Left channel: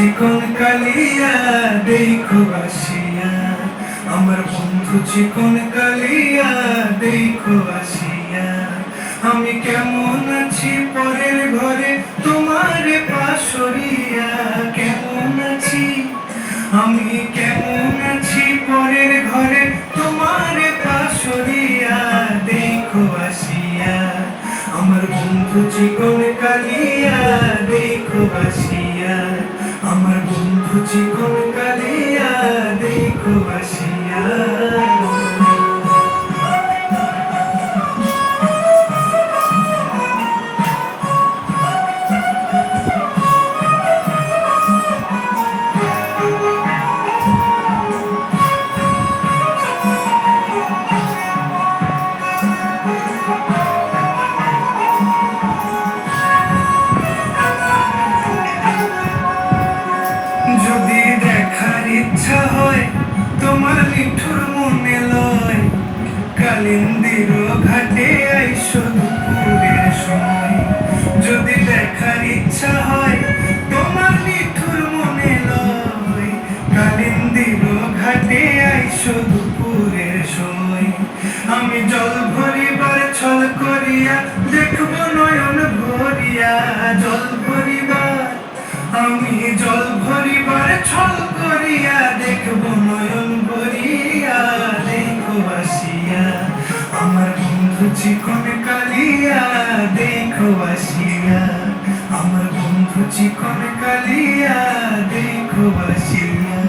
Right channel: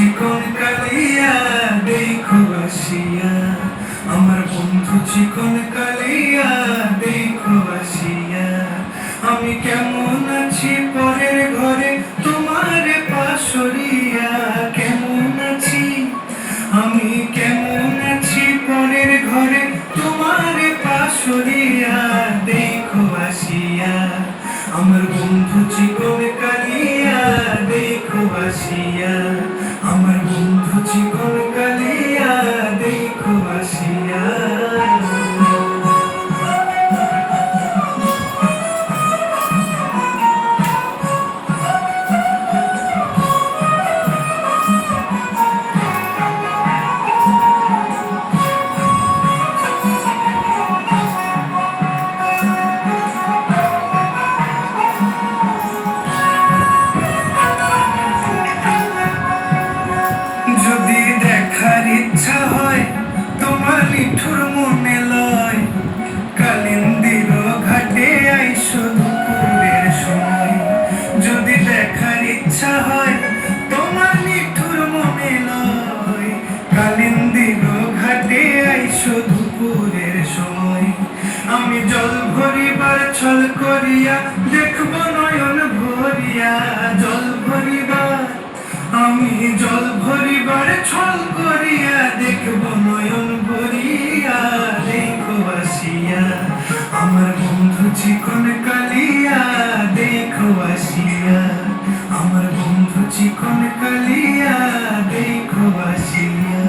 চিকন কালিয়া দেখো আসিয়া, আমার বন্ধু চিকন কালিয়া দেখো আসিয়া। আমি কেমন আছি পরের ঘরে তোমার পাশরিয়া, কেমন আছি আমি কেমন আছি পরের ঘরে তোমার পাশরিয়া দেখো আসিয়া। আমার বন্ধু চিকন কালিয়া দেখো আসিয়া, আমার বন্ধু চিকন কালিয়া দেখো আসিয়া। যদি দেখার ইচ্ছা হয় তোমার নিঠুর মনে লয়, কালিন্দির ঘাটে আইসো দুপুরের সময়। যদি দেখার ইচ্ছা হয় তোমার নিঠুর মনে লয়, কালিন্দির ঘাটে আইসো দুপুরের সময়। আমি জল ভরিবার ছল করিয়া দেখব নয়ন ভরিয়া, জল ভরিবার আমি জল ভরিবার ছল করিয়া দেখব নয়ন ভরিয়া দেখো আসিয়া। আমার বন্ধু চিকন কালিয়া দেখো আসিয়া, আমার বন্ধু চিকন কালিয়া দেখো আসিয়া।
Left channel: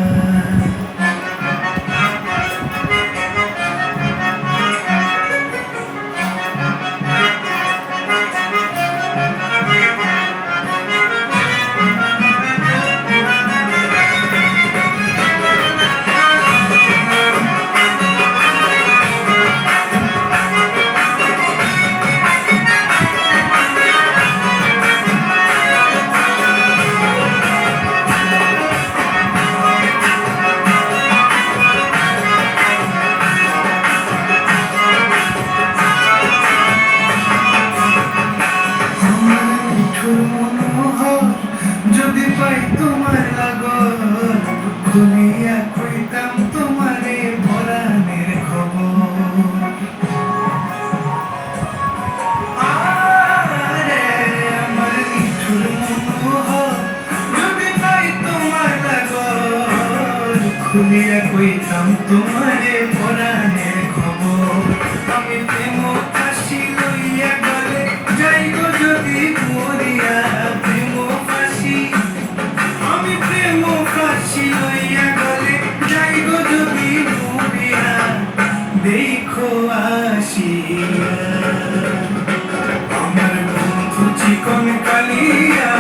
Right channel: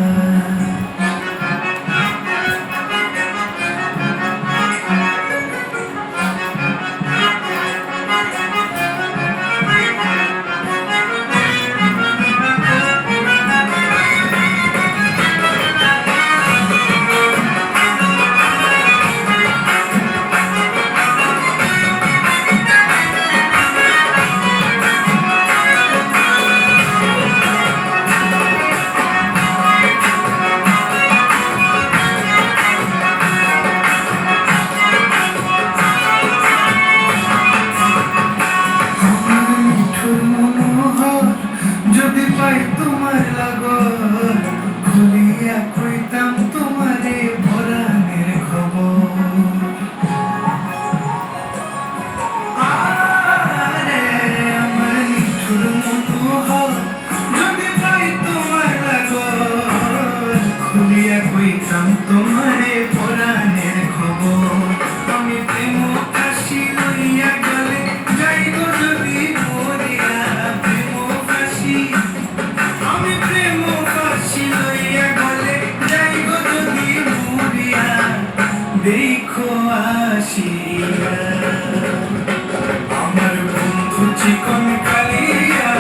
যদি পাই তোমার লাগর, খুলিয়া কইতাম তোমারে পরাণের খবর। আরে আমার নিঠুর মনোহর, যদি পাই তোমার লাগর, খুলিয়া কইতাম তোমারে পরাণের খবর। আমি প্রেম ফাঁসি লইয়া গেলে যাইব যদি মরিয়া, প্রেম ফাঁসি আমি প্রেম ফাঁসি লইয়া গেলে যাইব যদি মরিয়া দেখো আসিয়া। আমার বন্ধু চিকন কালিয়া